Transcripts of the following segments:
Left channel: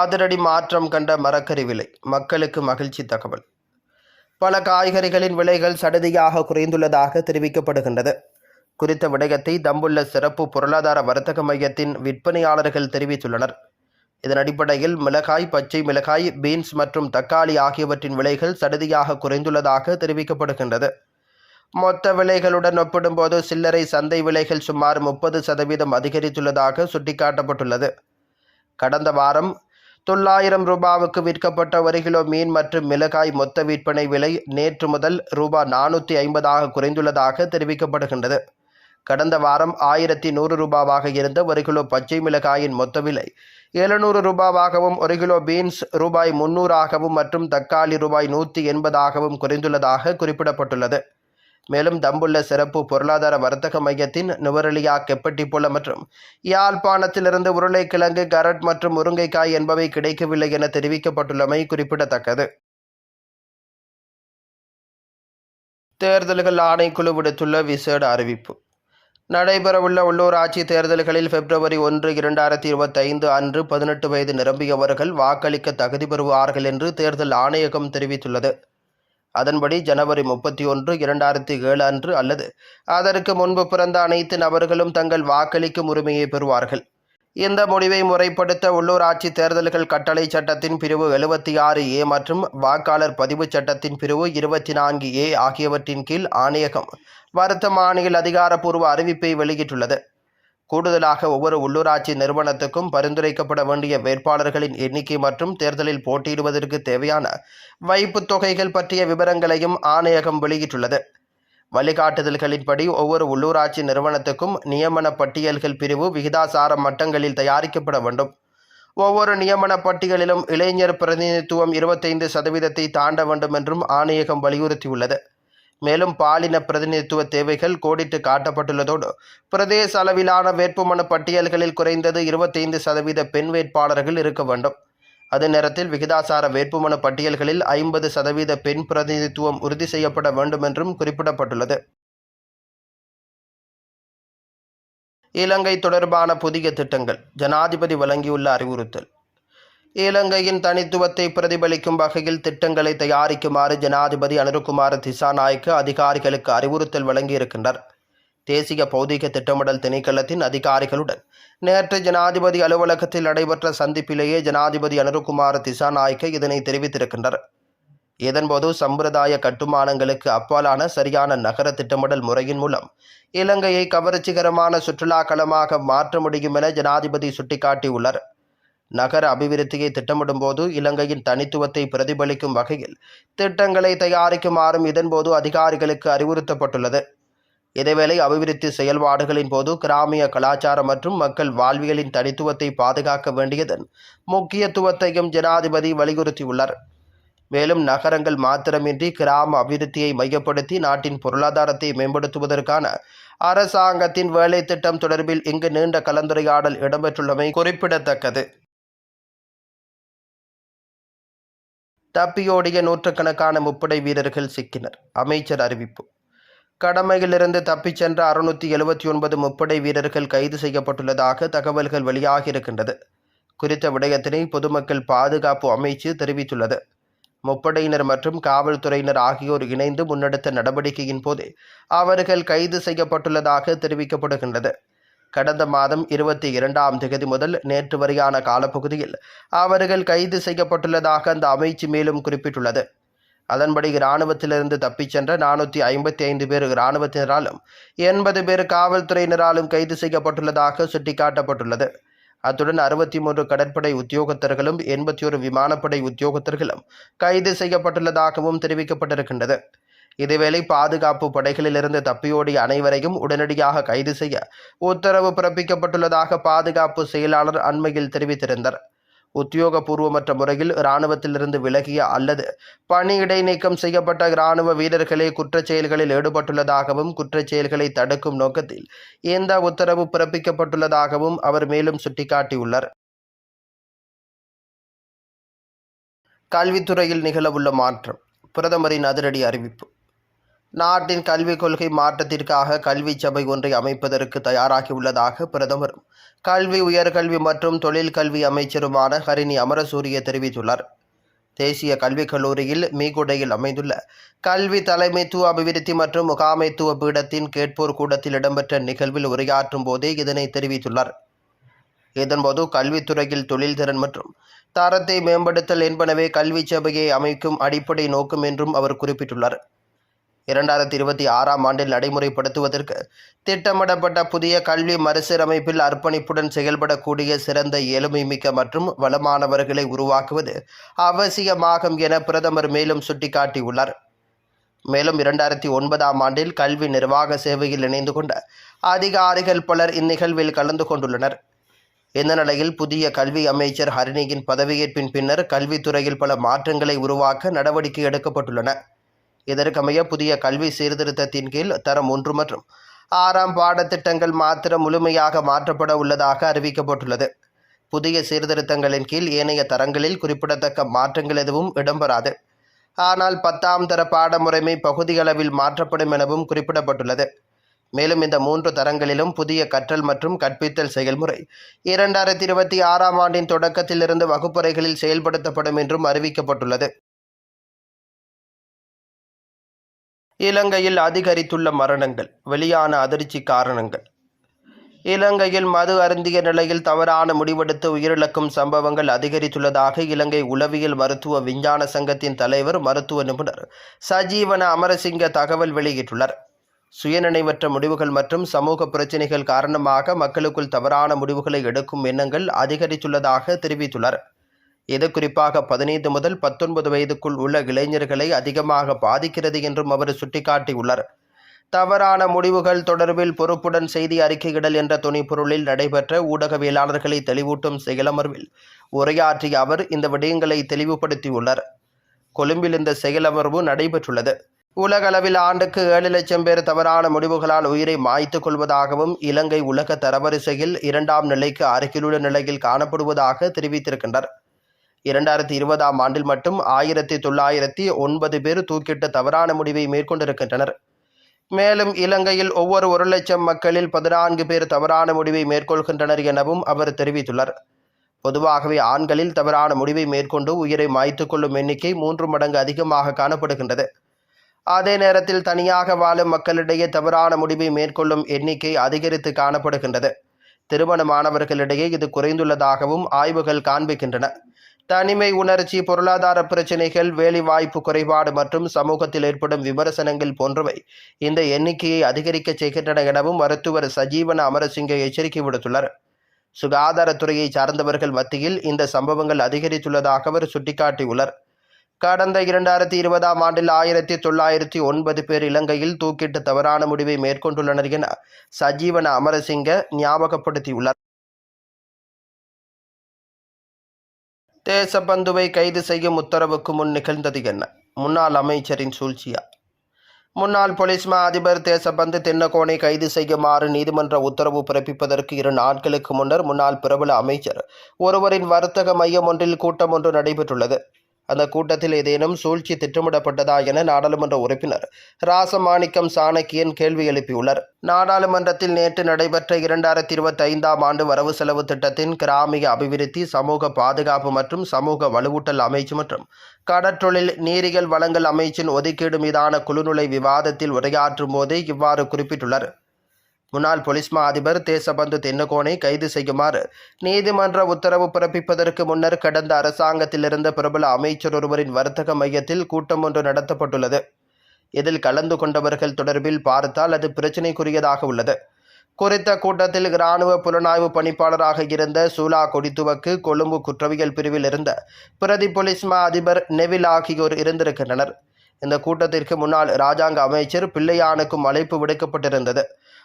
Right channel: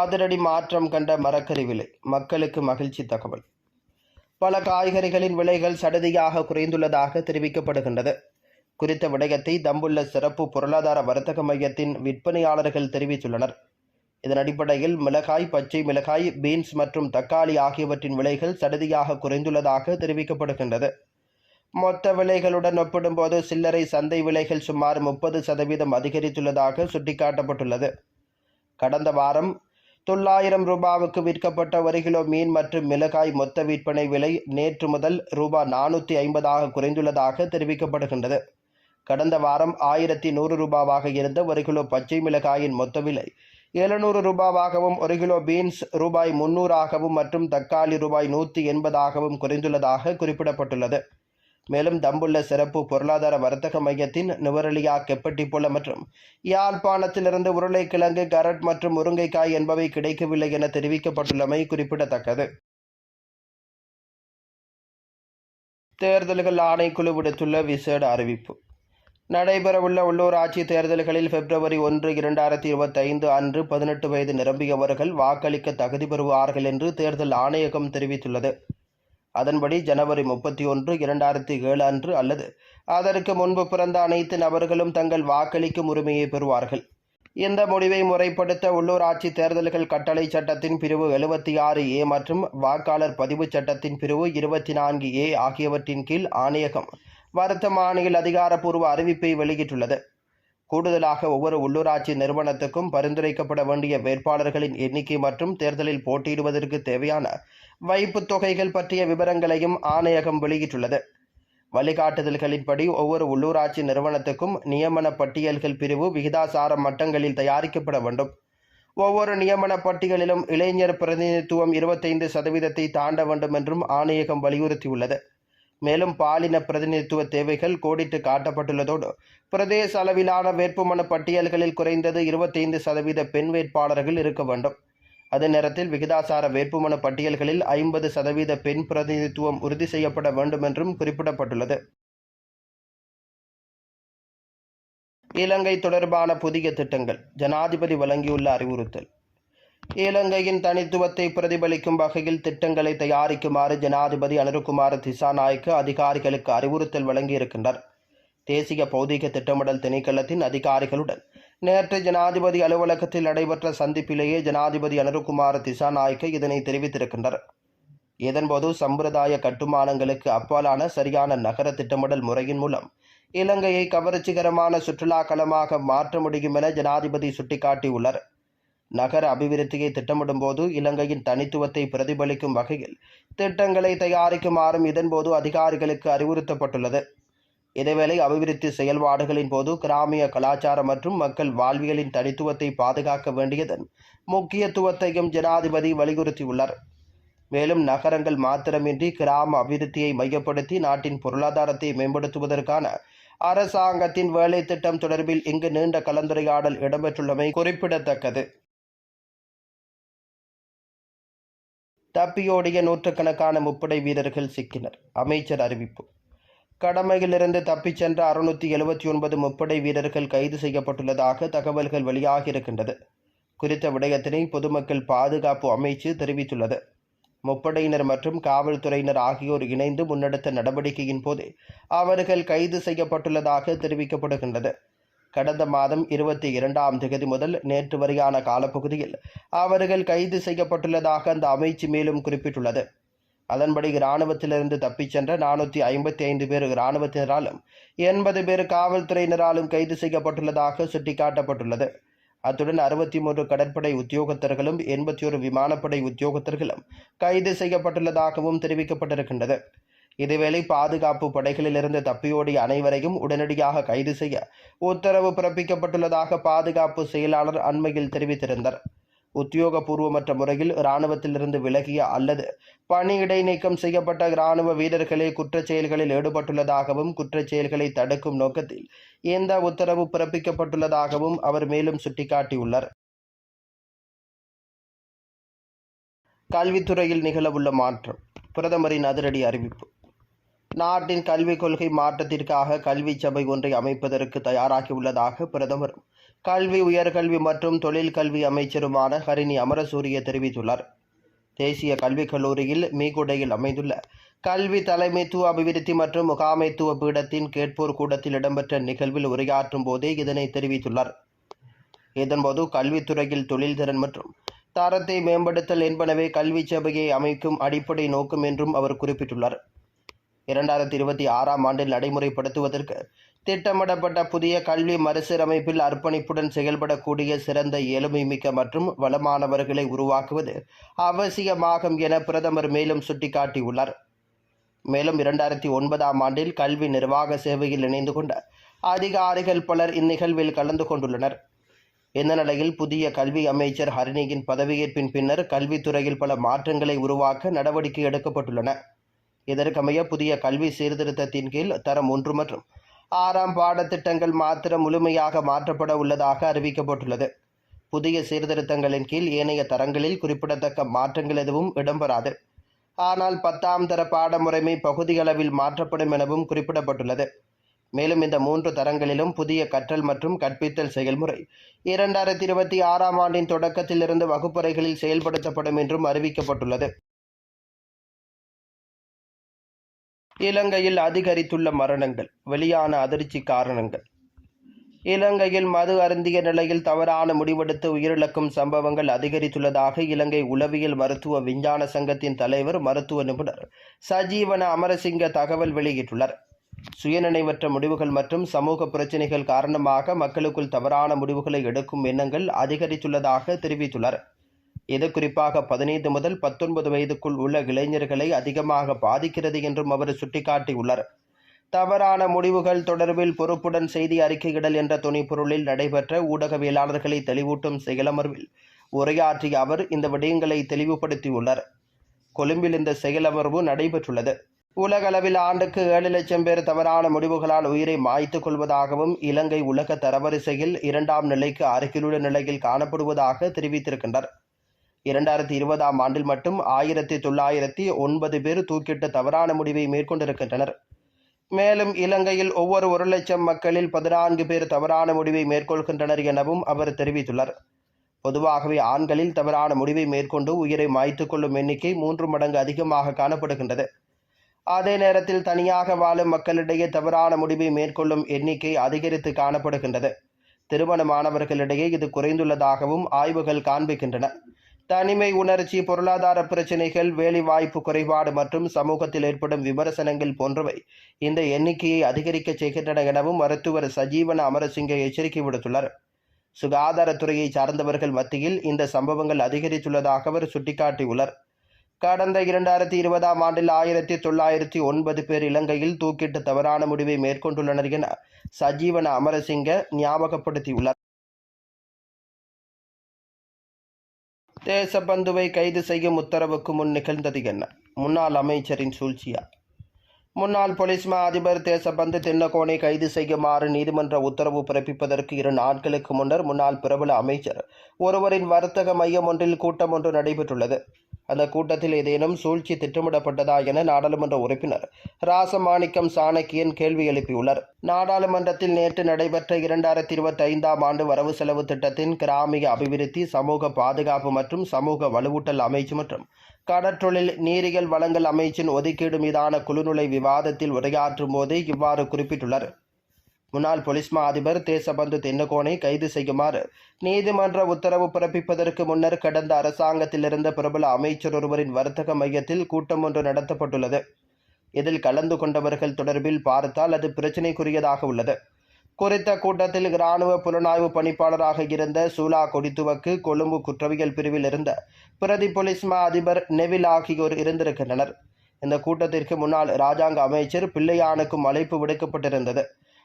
அதிரடி மாற்றம் கண்ட மரக்கறி விலை மக்களுக்கு மகிழ்ச்சி தகவல். பல காய்கறிகளின் விலைகள் சடதியாக குறைந்துள்ளதாக தெரிவிக்கப்படுகின்றது. குறித்த விடயத்தை தம்புள்ள சிறப்பு பொருளாதார வர்த்தக மையத்தின் விற்பனையாளர்கள் தெரிவித்துள்ளனர். இதன் அடிப்படையில் மிளகாய் பச்சை மிளகாய் பீன்ஸ் மற்றும் தக்காளி ஆகியவற்றின் விலைகள் சடதியாக குறைந்துள்ளதாக தெரிவிக்கப்படுகின்றது. மொத்த விலைகளுடன் ஒப்பிடும்போது சில்லறை சந்தை விலைகள் சுமார் முப்பது சதவீதம் அதிகரித்துள்ளதாக சுட்டிக்காட்டப்பட்டுள்ளது. கடந்த வாரம் தொள்ளாயிரம் ரூபாவுக்கு விற்கப்பட்ட ஒரு கிலோ மீன் மற்றும் மிளகாய் மொத்த விற்பனை விலை நேற்று முதல் ரூபாய் நானூற்றி ஐம்பதாக குறைந்துள்ளதாக தெரிவிக்கப்படுகின்றது. கடந்த வாரம் ஆயிரத்தி நூறு ரூபாவாக இருந்த ஒரு கிலோ பச்சை மிளகாயின் மொத்த விலை எழுநூறு ரூபாவாகவும் ஒரு கிலோ பீன்ஸ் ரூபாய் முன்னூறாகவும் மற்றும் தக்காளி ரூபாய் நூற்றி எண்பதாகவும் குறைந்துள்ளதாக குறிப்பிடப்பட்டுள்ளது. மேலும் தம்புள்ள சிறப்பு பொருளாதார வர்த்தக மையத்தின் நுவரெலியா கெப்பட்டிப்புல மற்றும் யாழ்ப்பாணத்திலிருந்து உருளைக்கிழங்கு கரட் மற்றும் முருங்கைக்காய் என்பவை கிடைக்கவில்லை என தெரிவிக்கப்பட்டுள்ளமை குறிப்பிடத்தக்கது. தேர்தல்கள் ஆணைக்குழு விடுத்துள்ள விசேட அறிவிப்பு. நடைபெறவுள்ள உள்ளூராட்சி தேர்தல்களில் பிப்ரவரி ஒன்று இரண்டாயிரத்தி இருபத்தைந்து அன்று பதினெட்டு வயது நிரம்பியவர்கள் வாக்களிக்க தகுதி பெறுவார்கள் என்று தேர்தல் ஆணையகம் தெரிவித்துள்ளது. அதன்படி ஜனவரி முப்பத்தி ஒன்று இரண்டாயிரத்தி ஏழு அன்று அல்லது அதற்கு முன்பு பிறந்த அனைத்து நபர்களும் தங்கள் வாக்களிக்கும் உரிமையை பெறுவார்கள். இந்த முடிவை முறைப்படுத்த உள்ளூராட்சி தேர்தல்கள் கட்டளை சட்டத்தின் பிரிவு எழுபத்தி ஆறு ஏ மற்றும் வாக்காளர் பதிவு சட்டத்தின் பிரிவு இருபத்தி நான்கு ஏ ஆகியவற்றின் கீழ் ஆணையகம் வருத்த மாநில அதிகாரப்பூர்வ அறிவிப்பை வெளியிட்டுள்ளது. கூடுதலாக ஒவ்வொரு உள்ளூராட்சி நிறுவனத்துக்கும் பரிந்துரைக்கப்பட வேண்டிய வேட்பாளர்களின் எண்ணிக்கை மற்றும் தேர்தலில் போட்டியிடுவதற்கு தேவையான வைப்புத் தொகைகள் பற்றிய விவரங்களையும் ஆணையகம் வெளியிட்டுள்ளது. வழிகாட்டுதல்களின்படி ஒவ்வொரு உள்ளூராட்சி நிறுவனத்துக்கும் நியமன பட்டியல்கள் பிரிவு விகிதாசார மட்டங்களில் தயாரிக்கப்பட வேண்டும். ஒவ்வொரு நியமன பட்டியலிலும் இளைஞர் பிரதிநிதித்துவம் இருபத்தைந்து சதவீதத்தை தாண்ட வேண்டும் என்றும் ஆணையகம் வலியுறுத்தியுள்ளது. மேலும் பாலின பிரதிநிதித்துவ தேவைகள் கோடிட்டு காட்டப்பட்டுள்ளதோடு பிரதேச அளவிலான வேட்புமனு பட்டியல்களில் குறைந்தது இருபத்தைந்து சதவீத பெண் வேட்பாளர்கள் இருக்க வேண்டும். அதே நேரத்தில் விகிதாசார வேட்புமனு பட்டியல்களில் ஐம்பது சதவீத பெண் பிரதிநிதித்துவம் உறுதி செய்யப்பட வேண்டும் என்றும் குறிப்பிடப்பட்டுள்ளது. இலங்கை தொடர்பான புதிய திட்டங்கள் ஜனாதிபதி வழங்கியுள்ள அறிவுறுத்தல். இலங்கையின் தனித்துவத்தை பிரதிபலிக்கும் வகையில் திட்டங்களை தயாரிக்குமாறு ஜனாதிபதி அனுருகுமார் திசாநாயக்க அதிகாரிகளுக்கு அறிவுறுத்தல் வழங்கியிருக்கின்றார். தேசிய பௌதிக திட்டமிடல் திணைக்களத்தின் அதிகாரிகளுடன் நேற்று ஜனாதிபதி அலுவலகத்தில் நடைபெற்ற சந்திப்பிலேயே ஜனாதிபதி அனுருகுமார் திசாநாயக்க இதனை தெரிவித்திருக்கின்றனர் இதன்போது சம்பிரதாய கட்டுமானங்களுக்கு அப்பாலான சரியான நகர திட்டமிடல் முறையின் மூலம் இலங்கையை கவர்ச்சிகரமான சுற்றுலா களமாக மாற்ற முடியும் என ஜனாதிபதி சுட்டிக்காட்டியுள்ளார். நகர அபிவிருத்தியை திட்டமிடும்போது இலங்கையின் தனித்துவத்தை பிரதிபலிக்கும் வகையில் திட்டங்களை தயாரிக்குமாறும் இதன்போது அதிகாரிகளுக்கு அறிவுறுத்தப்பட்டுள்ளது. இதேவேளை அபிவிருத்தி செயல்பாடுகளின் போது கிராமிய கலாச்சாரம் மற்றும் மக்கள் வாழ்வியலின் தனித்துவத்தை பாதுகாக்க வேண்டியதன் முக்கியத்துவத்தையும் ஜனாதிபதி வலியுறுத்தியுள்ளார். மேலும் நகரங்கள் மாத்திரமின்றி கிராம அபிவிருத்தியை மையப்படுத்தி நாட்டின் பொருளாதாரத்தை மேம்படுத்துவதற்கான அரசாங்கத்தின் வேலை திட்டம் தொடர்பில் இங்கு நீண்ட கலந்துரையாடல் இடம்பெற்றுள்ளமை குறிப்பிடத்தக்கது. தப்பியோடிய நூற்றுக்கணக்கான முப்படை வீரர்கள் சிக்கினர் அமைச்சர் அறிவிப்பு. கடமையிலிருந்து தப்பிச் சென்ற அறுநூற்றி எழுபத்தி ஒன்பது முப்படை வீரர்கள் கைது செய்யப்பட்டுள்ளதாக தகவல்கள் வெளியாகியிருக்கின்றது. குறித்த விடயத்தினை பொதுமக்கள் பாதுகாப்பு அமைச்சு தெரிவித்துள்ளது. முப்படையினர் மற்றும் காவல்துறையினர் ஆகியோர் இணைந்து முன்னெடுத்த நடவடிக்கையின் போது அவர்கள் கைது செய்யப்பட்டுள்ளதாக தெரிவிக்கப்படுகின்றது. கடந்த மாதம் இருபத்தி இரண்டாம் தேதி முதல் நேற்று வரையான காலப்பகுதியில் அவர்கள் கைது செய்யப்பட்டுள்ளதாக அந்த அமைச்சு மேலும் குறிப்பிட்டுள்ளது. அதன்படி இராணுவத்திலிருந்து தப்பிச் சென்ற நானூற்றி ஐம்பத்தி ஐந்து பேர் இராணுவத்தினராலும் எண்பது பேர் காவல்துறையினராலும் கைது செய்யப்பட்டுள்ளதாக சுட்டிக்காட்டப்பட்டுள்ளது. அத்துடன் அறுபத்தி மூன்று கடற்படை உத்தியோகத்தர்களும் எண்பத்தி ஒரு விமானப்படை உத்தியோகத்தர்களும் கைது செய்யப்பட்டுள்ளதாகவும் தெரிவிக்கப்பட்டிருக்கின்றது. இதேவேளை பாதுகாப்பு படைகளிலிருந்து தப்பியோடிய அனைவரையும் உடனடியாக கைது செய்ய உத்தரவு பிறப்பிக்கப்பட்டுள்ளதாக பாதுகாப்பு செயலாளர் அண்மையில் தெரிவித்திருந்தார். உத்தியோகபூர்வமற்ற முறையில் இராணுவத்திலிருந்து விலகிய அல்லது பணி இடைநீக்கம் செய்யப்பட்ட இராணுவ வீரர்களே குற்றச் செயல்களில் ஈடுபட்டுள்ளதாகவும் குற்றச் செயல்களை தடுக்கும் நோக்கத்தில் இந்த உத்தரவு பிறப்பிக்கப்பட்டுள்ளதாகவும் அவர் மேலும் சுட்டிக்காட்டியுள்ளார். கல்வித்துறையில் நிகழவுள்ள மாற்றம். பிரதமரின் அதிரடி அறிவிப்பு. நாட்டின் கல்விக் கொள்கை மாற்றத்திற்காக கல்வி சபை ஒன்றை அமைப்பதற்கு தயாராகியுள்ளதாக பிரதமரும் கல்வி உயர்கல்வி மற்றும் தொழில் கல்வி அமைச்சருமான ஹரிணி அமரசூரிய தெரிவித்துள்ளார். தேசிய கல்விக் கல்லூரியில் மீகுடையில் அமைந்துள்ள கல்வி தலைமைத்துவ அபிவிருத்தி மற்றும் முகாமைத்துவ பீடத்தின் கேட்போர் கூடத்தில் இடம்பெற்ற நிகழ்வில் உரையாற்றும் போதே இதனை தெரிவித்துள்ளார். இதன்போது கல்வித்துறையில் தொழில்திறன் மற்றும் தரத்தை மேம்படுத்தல் என்பனவே கல்வி சபையை அமைக்கும் அடிப்படை நோக்கம் என்றும் அவர் குறிப்பிட்டுள்ளார். இரண்டாயிரத்தி இருபத்தி ஆறாம் ஆண்டில் நடைமுறைப்படுத்துவதற்கு திட்டமிடப்பட்ட புதிய கல்வி மறுசீரமைப்பில் அர்ப்பணிப்புடன் செயல்படக்கூடிய சிறந்த எளிமைமிக்க மற்றும் வளமானவர்களை உருவாக்குவது அவசியமாகும் என பிரதமர் மேலும் சுட்டிக்காட்டியுள்ளார். மேலும் இரண்டாயிரத்தி ஒன்பதாம் ஆண்டில் கல்வி நிர்வாக சேவையில் இணைந்து கொண்ட அதிகாரிகள் பலர் இந்நிகழ்வில் கலந்து கொண்டுள்ளனர். இந்த நிலையில் புதிய கல்வி அமைச்சர் ஹரிணியின் பதவியேற்பின் பின்னர் கல்வித்துறையில் பல மாற்றங்களை உருவாக்க நடவடிக்கை எடுக்கப்பட்டுள்ளன. இதற்கமைய புதிய கல்வி சீர்திருத்தத்தின் கீழ் தரம் ஒன்று மற்றும் ஆறாம் பாடத்திட்டங்கள் மாத்திரம் முழுமையாக மாற்றப்பட உள்ளதாக அறிவிக்கப்பட்டுள்ளது. புதிய சீர்திருத்தங்களின் கீழ் ஏனைய தரங்களில் குறிப்பிடத்தக்க மாற்றங்கள் எதுவும் இடம்பெறாது. ஆனால் பத்தாம் தர பாடமுறைமை பகுதியளவில் மாற்றப்படும் எனவும் குறிப்பிடப்பட்டுள்ளது. மேலும் இந்த மூன்று தரங்களிலும் புதிய கற்றல் மற்றும் கற்பித்தல் செயல்முறை இரண்டாயிரத்தி இருபத்தி ஆறாம் ஆண்டின் தொடக்கத்திலிருந்து வகுப்பறைகளில் செயல்படுத்தப்படும் என்றும் அறிவிக்கப்பட்டுள்ளது. இலங்கையில் அதிகரித்துள்ள மரணங்கள் வெளியான அதிர்ச்சி காரணங்கள். இலங்கையில் மது அருந்திய நிலையில் தவறான முடிவெடுத்து உயிரிழக்கும் சம்பவங்கள் அதிகரித்துள்ளதாக இலங்கை உளவியல் மருத்துவ விஞ்ஞான சங்கத்தின் தலைவர் மருத்துவ நிபுணர் சஜீவன அமரசிங்க தகவல் வெளியிட்டுள்ளார். சுயநினைவற்ற முடிவுகள் மற்றும் சமூக பிரச்சினைகள் காரணமாக மக்களுக்குள் தவறான முடிவுகளை எடுக்கும் எண்ணங்கள் அதிகரித்துள்ளதாக தெரிவித்துள்ளார். இது குறிப்பாக பதினைந்து முதல் பத்தொன்பது வயதுக்குள் உள்ள இளைஞர்களை அதிகமாக பாதிக்கிறது என்றும் அவர் சுட்டிக்காட்டியுள்ளார். தவறான முடிவுகள் தொடர்பில் பொறுப்புடன் செய்தி அறிக்கையிடல் என்ற துணைப்பொருளில் நடைபெற்ற ஊடகவியலாளர்களை தெளிவூட்டும் செயலமர்வில் உரையாற்றிய அவர் இந்த விடயங்களை தெளிவுபடுத்தியுள்ளார். கொழும்பில் இந்த செயலமர்வு நடைபெற்றுள்ளது. உலகளவில் ஆண்டுக்கு ஏழு லட்சம் பேர் தவறான முடிவுகளால் உயிரை மாய்த்துக் கொள்வதாகவும் இலங்கை உலக தரவரிசையில் இரண்டாம் நிலைக்கு அருகிலுள்ள நிலையில் காணப்படுவதாக தெரிவித்திருக்கின்றனர் இரண்டாயிரத்தி இருபதாம் ஆண்டில் மட்டும் ஆயிரத்தி தொள்ளாயிரத்தி ஒன்பது பேர் தூக்கிட்ட தவறான முடிவை மேற்கொண்டிருக்கின்றனர். மேலும் இலங்கையில் ஒவ்வொரு ஒரு லட்சம் மக்களில் பதினான்கு பேர் தவறான முடிவை மேற்கொள்கின்றனர் எனவும் அவர் தெரிவித்துள்ளார். பொதுவாகவே ஆண்களில் தவறான முடிவை மேற்கொண்டு உயிரை மாய்த்துக் கொள்ளும் எண்ணிக்கை மூன்று மடங்கு அதிகமாக காணப்படுகின்றது. அதே நேரத்தில் தனியாக வாழும் மக்களிடையே தவறான முடிவை மேற்கொள்ளும் எண்ணிக்கை அதிகரித்து காணப்படுகின்றது. திருமணமானவர்களிடையே இது குறைந்துள்ளதாகவும் ஆய்வுகள் காண்பிக்கின்றன. தனிமை உணர்ச்சி பொருளாதார பிரச்சினைகள் வேலைவாய்ப்பு குறைபாடு மற்றும் சமூகத்தில் ஏற்படும் விமர்சனங்கள் போன்றவை இந்த எண்ணிக்கையை அதிகரிக்க செய்கின்றன எனவும் மருத்துவர் சஜீவன அமரசிங்க எச்சரிக்கை விடுத்துள்ளார். சுகாதாரத்துறையை சார்ந்தவர்கள் மத்தியில் இந்த சம்பவங்கள் அதிகரித்துள்ளதாக அவர் சுட்டிக்காட்டியுள்ளார். கடந்த இரண்டாயிரத்தி இருபதாம் ஆண்டில் ஆயிரத்தி தொள்ளாயிரத்தி ஒன்பது பேர் இலங்கையில் தூக்கிட்டு தவறான முடிவை மேற்கொண்டுள்ளனர் என சஜீவன அமரசிங்க ஞாபகப்படுத்தியுள்ளார். தேசபந்துவை கைது செய்யும் உத்தரவுக்கு முன் நிகழ்ந்தது என்ன? முன்னாள் அமைச்சரின் சூழ்ச்சியா? முன்னாள் போலீஸ் மா அதிபர் தேசபந்து தென்னகோனை கைது செய்யுமாறு நீதிமன்ற உத்தரவு பிறப்பிப்பதற்கு இரு நாட்களுக்கு முன்னர் முன்னாள் பிரபல அமைச்சர் ஒருவரின் வர்த்தக மையம் ஒன்றில் கூட்டம் ஒன்று நடைபெற்றுள்ளது. அந்த கூட்டத்தில் ஏதேனும் சூழ்ச்சி திட்டமிடப்பட்டதா என நாடாளுமன்ற உறுப்பினர் ராசமாணிக்கம் சாணக்கியன் கேள்வி எழுப்பியுள்ளார். நாடாளுமன்றத்தில் நேற்று நடைபெற்ற இரண்டாயிரத்தி இருபத்தி ஐந்தாம் ஆண்டு வரவு செலவு திட்டத்தின் கிராமிய அபிவிருத்தி சமூக பாதுகாப்பு மற்றும் சமூக வலுவூட்டல் அமைச்சு மற்றும் கடற்றொழில் நீரியல் வளங்கள் அமைச்சின் ஒதுக்கீடு மீதான குழுநிலை விவாதத்தில் உரையாற்றும் போதே இவ்வாறு குறிப்பிட்டுள்ளார். முன்னாள் போலீஸ் மா அதிபர் தேசபந்து தென்னகோனை கைது செய்யுமாறு நீதிமன்ற உத்தரவு பிறப்பிப்பதற்கு முன்னர் கடந்த அரசாங்கத்தில் இருந்த பிரபல அமைச்சர் ஒருவரின் வர்த்தக மையத்தில் கூட்டம் ஒன்று நடத்தப்பட்டுள்ளது. இதில் கலந்து கொண்டவர்கள் தொடர்பில் பார்த்தால் அது பிரச்சினைக்குரியதாக உள்ளது. குறித்த கூட்டத்தில் இராணுவ புலனாய்வு பணிப்பாளராக இருந்த சூலா கொடித்துவக்கு கொழும்பு குற்றவியல் பிரிவில் இருந்த பிரதி போலீஸ் மா அதிபர் நெவில் ஆகியோர் இருந்திருக்கின்றனர். இந்த கூட்டத்திற்கு முன்னாள் இராஜாங்க அமைச்சர் பிள்ளையானுக்கும் அழைப்பு விடுக்கப்பட்டிருந்தது.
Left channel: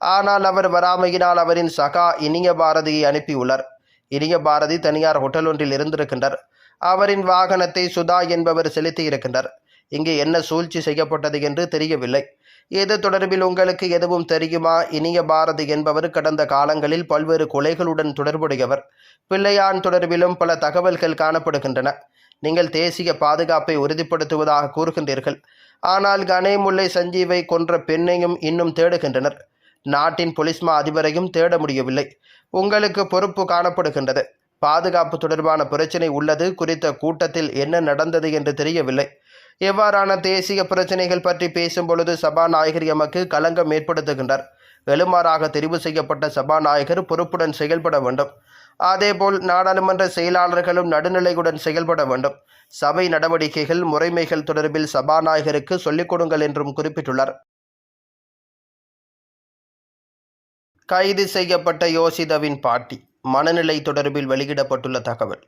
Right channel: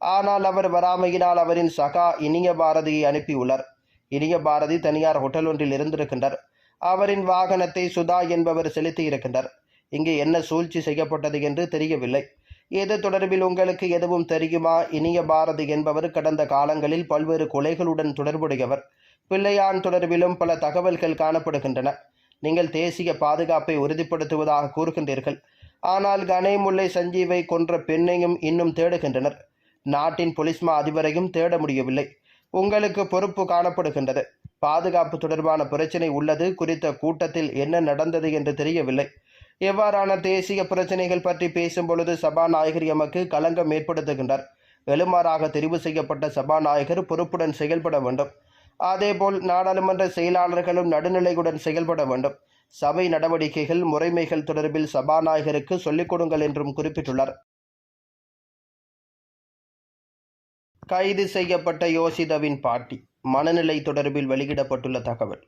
ஆனால் அவர் வராமையினால் அவரின் சகா இனிய பாரதியை அனுப்பியுள்ளார் இனிய பாரதி தனியார் ஹோட்டல் ஒன்றில் இருந்திருக்கின்றார். அவரின் வாகனத்தை சுதா என்பவர் செலுத்தியிருக்கின்றார் இங்கே என்ன சூழ்ச்சி செய்யப்பட்டது என்று தெரியவில்லை. இது தொடர்பில் உங்களுக்கு எதுவும் தெரியுமா? இனிய பாரதி என்பவர் கடந்த காலங்களில் பல்வேறு கொலைகளுடன் தொடர்புடையவர். பிள்ளையான் தொடர்பிலும் பல தகவல்கள் காணப்படுகின்றன. நீங்கள் தேசிய பாதுகாப்பை உறுதிப்படுத்துவதாக கூறுகின்றீர்கள். ஆனால் கனேமுல்லை சஞ்சீவை கொன்ற பெண்ணையும் இன்னும் தேடுகின்றனர். நாட்டின் பொலிஸ்மா அதிபரையும் தேட முடியவில்லை. உங்களுக்கு பொறுப்பு காணப்படுகின்றது. பாதுகாப்பு தொடர்பான பிரச்சினை உள்ளது குறித்த கூட்டத்தில் என்ன நடந்தது என்று தெரியவில்லை. எவ்வாறான தேசிய பிரச்சினைகள் பற்றி பேசும் பொழுது சபாநாயகர் எமக்கு களங்கம் ஏற்படுத்துகின்றார். வெளுமாறாக தெரிவு செய்யப்பட்ட சபாநாயகர் பொறுப்புடன் செயல்பட வேண்டும். அதேபோல் நாடாளுமன்ற செயலாளர்களும் நடுநிலையுடன் செயல்பட வேண்டும். சபை நடவடிக்கைகள் முறைமைகள் தொடர்பில் சபாநாயகருக்கு சொல்லிக் கொடுங்கள் என்றும் குறிப்பிட்டுள்ளார். கைது செய்யப்பட்ட யோசிதவின் பாட்டி. மனநிலை தொடர்பில் வெளியிடப்பட்டுள்ள தகவல்.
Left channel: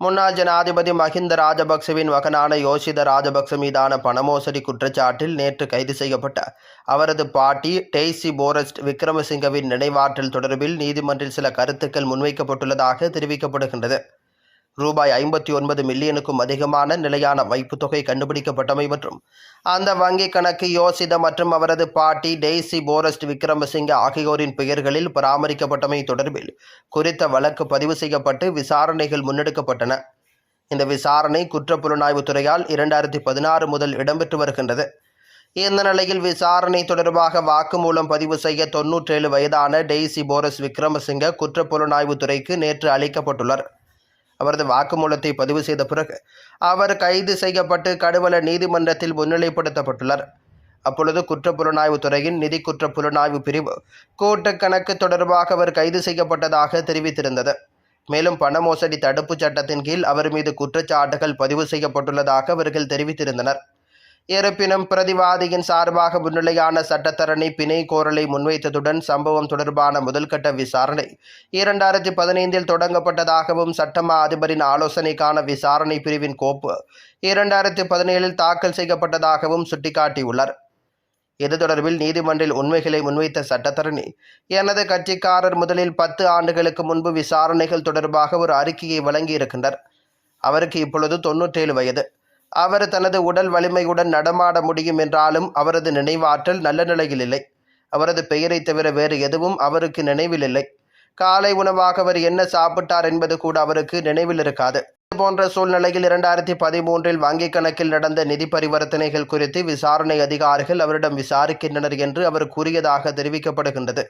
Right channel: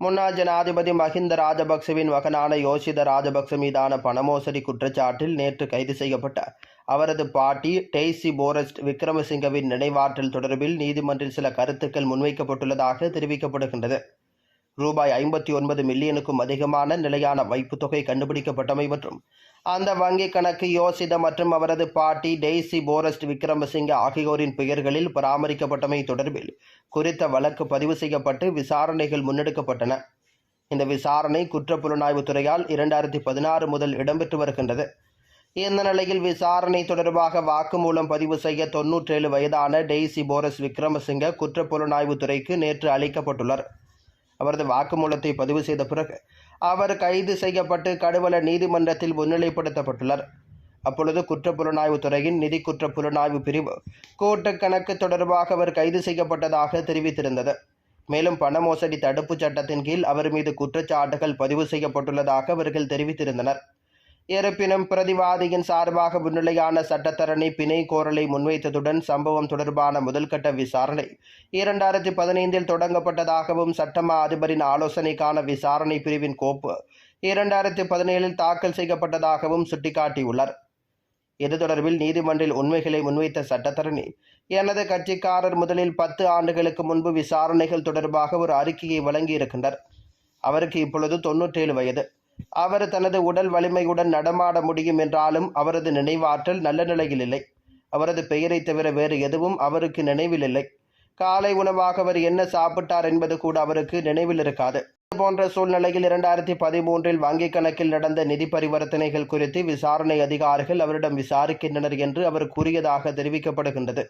முன்னாள் ஜனாதிபதி மஹிந்த ராஜபக்சவின் மகனான யோசித ராஜபக்ச மீதான பணமோசடி குற்றச்சாட்டில் நேற்று கைது செய்யப்பட்ட அவரது பாட்டி டெய்சி போரஸ்ட் விக்ரமசிங்கவின் நினைவாற்றல் தொடர்பில் நீதிமன்றில் சில கருத்துக்கள் முன்வைக்கப்பட்டுள்ளதாக தெரிவிக்கப்படுகின்றது. ரூபாய் ஐம்பத்தி ஒன்பது மில்லியனுக்கும் அதிகமான நிலையான வைப்பு தொகை கண்டுபிடிக்கப்பட்டமை மற்றும் அந்த வங்கிக் கணக்கு யோசித மற்றும் அவரது பாட்டி டெய்சி போரஸ்ட் விக்ரமசிங்க ஆகியோரின் பெயர்களில் பராமரிக்கப்பட்டமை தொடர்பில் குறித்த வழக்கு பதிவு செய்யப்பட்டு விசாரணைகள் முன்னெடுக்கப்பட்டன. இந்த விசாரணை குற்றப்புலனாய்வுத் துறையால் இரண்டாயிரத்தி பதினாறு முதல் இடம்பெற்று வருகின்றது. இந்த நிலையில் விசாரணை தொடர்பாக வாக்குமூலம் பதிவு செய்ய தொன்னூற்றேழு வயதான டெய்சி போரஸ் விக்ரமசிங்க குற்றப்புலனாய்வுத் துறைக்கு நேற்று அளிக்கப்பட்டுள்ளார். அவரது வாக்குமூலத்தை பதிவு செய்த பிறகு அவர் கைது செய்யப்பட்டு கடுவல நீதிமன்றத்தில் முன்னிலைப்படுத்தப்பட்டுள்ளார். அப்பொழுது குற்றப்புலனாய்வுத் துறையின் நிதி குற்ற புலனாய்வு பிரிவு கூட்டு கணக்கு தொடர்பாக அவர் கைது செய்யப்பட்டதாக தெரிவித்திருந்தது. மேலும் பண மோசடி தடுப்புச் சட்டத்தின் கீழ் அவர் மீது குற்றச்சாட்டுகள் பதிவு செய்யப்பட்டுள்ளதாக அவர்கள் தெரிவித்திருந்தனர். இருப்பினும் பிரதிவாதியின் சார்பாக முன்னிலையான சட்டத்தரணி பிணை கோரலை முன்வைத்ததுடன் சம்பவம் தொடர்பான முதல்கட்ட விசாரணை இரண்டாயிரத்தி பதினைந்தில் தொடங்கப்பட்டதாகவும் சட்டமா அதிபரின் ஆலோசனைக்கான விசாரணை பிரிவின் கோப்பு இரண்டாயிரத்தி பதினேழில் தாக்கல் செய்யப்பட்டதாகவும் சுட்டிக்காட்டியுள்ளார். இது தொடர்பில் நீதிமன்றில் உண்மைகளை முன்வைத்த சட்டத்தரணி எனது கட்சிக்காரர் முதலில் பத்து ஆண்டுகளுக்கு முன்பு விசாரணைகள் தொடர்பாக ஒரு அறிக்கையை வழங்கியிருக்கின்றார். அவருக்கு இப்பொழுது தொன்னூற்றேழு வயது. அவர் தனது உடல் வலிமையுடன் நடமாட முடியும் என்றாலும் அவரது நினைவாற்றல் நல்ல நிலையில் இல்லை. அவரது பெயரை தவிர வேறு எதுவும் அவருக்கு நினைவில் இல்லை. காலை உணவாக அவர் என்ன சாப்பிட்டார் என்பது கூட அவருக்கு நினைவில் இருக்காது. இது போன்ற சூழ்நிலையில் இரண்டாயிரத்தி பதிமூன்றில் வங்கிக் கணக்கில் நடந்த நிதி பரிவர்த்தனைகள் குறித்து விசாரணை அதிகாரிகள் அவரிடம் விசாரிக்கின்றனர் என்று அவர் கூறியதாக தெரிவிக்கப்படுகின்றது.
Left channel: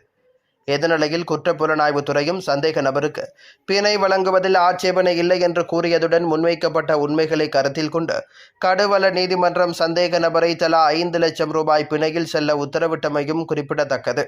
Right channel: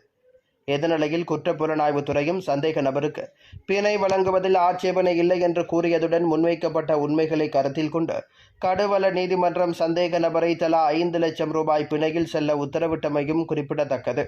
எதிர்நிலையில் குற்றப்புலனாய்வுத் துறையும் சந்தேக நபருக்கு பிணை வழங்குவதில் ஆட்சேபனை இல்லை என்று கூறியதுடன் முன்வைக்கப்பட்ட உண்மைகளை கருத்தில் கொண்டு கடுவல நீதிமன்றம் சந்தேக நபரை தலா ஐந்து லட்சம் ரூபாய் பிணையில் செல்ல உத்தரவிட்டமையும் குறிப்பிடத்தக்கது.